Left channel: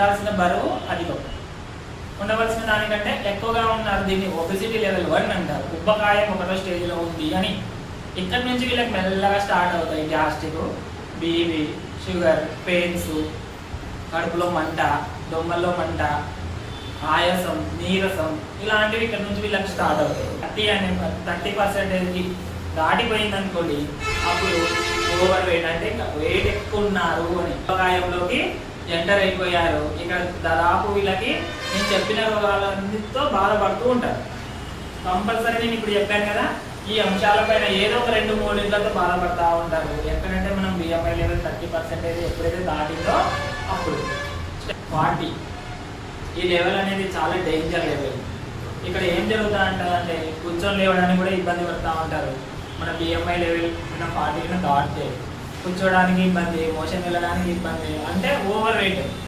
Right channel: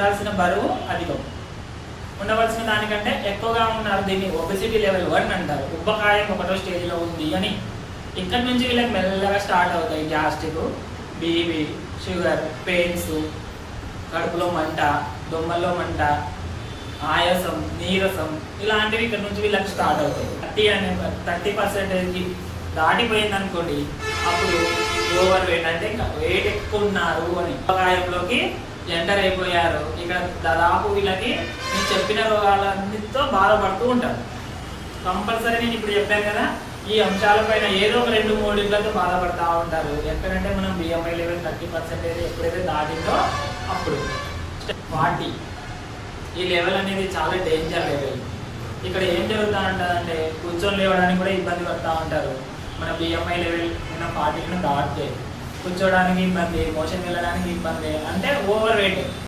ఉండాల్సిన బరువు అధికం, ఉండవలసిన దానికంటే ఎక్కువగా ఉన్నారు. దీన్ని ఒబెసిటీ లెవెల్ 1 అంటారు. ఉబ్బకాయం ఒకటో స్టేజ్లో ఉంది అని. ఇక్కడ నుంచి వీళ్ళకి మెల్లగా స్టార్ట్ అవుతాయి గ్యాస్ట్రిక్, బీపీ, షుగర్, పెయిన్స్, కడుపులో మంట, దొమ్మల్లో మంట, ఆయాసం, నీరసం ఇలాంటివి ఇక్కడ నుంచి వీళ్ళకి స్టార్ట్ అవుతాయి. 30% దాటిపోయింది అనుకోండి, అప్పుడు ఓవర్ వెయిట్ అంటే వెయిట్ ఎక్కువ ఉన్నారు అని ఉబ్బకాయంలోకి ఎంటర్ అయిపోయారు. ఇక్కడ దాదాపు వీళ్ళకి నేను చెప్పిన రోగాలన్నిటితో బాధపడుతూ ఉంటారు. కంపల్సరీ నేను ఇప్పుడు చెప్పాను కదా, ఈ అంశాలపైన ఏదో ఒక 2-3 ఇళ్ళతో బాధపడుతూ ఉంటారు. ఎక్కడంటే మనం బిఎంఐ లెవెల్ 30% ఎప్పుడైతే దాటిందో అప్పుడు 40 ఈ లెవెల్ అనేది చాలా డేంజర్ లెవెల్. ఇక్కడ ఏం జరుగుతా ఉంటుందంటే కూర్చొని లేవడానికి కూడా ఇబ్బంది పడుతూ ఉంటారు. మన బిఎంఐ లెవెల్ 40 దాటితే కూర్చోడానికి ఇబ్బంది, మోషన్ వెళ్ళడానికి ఇబ్బంది, అంటే ఓవర్ వెయిట్.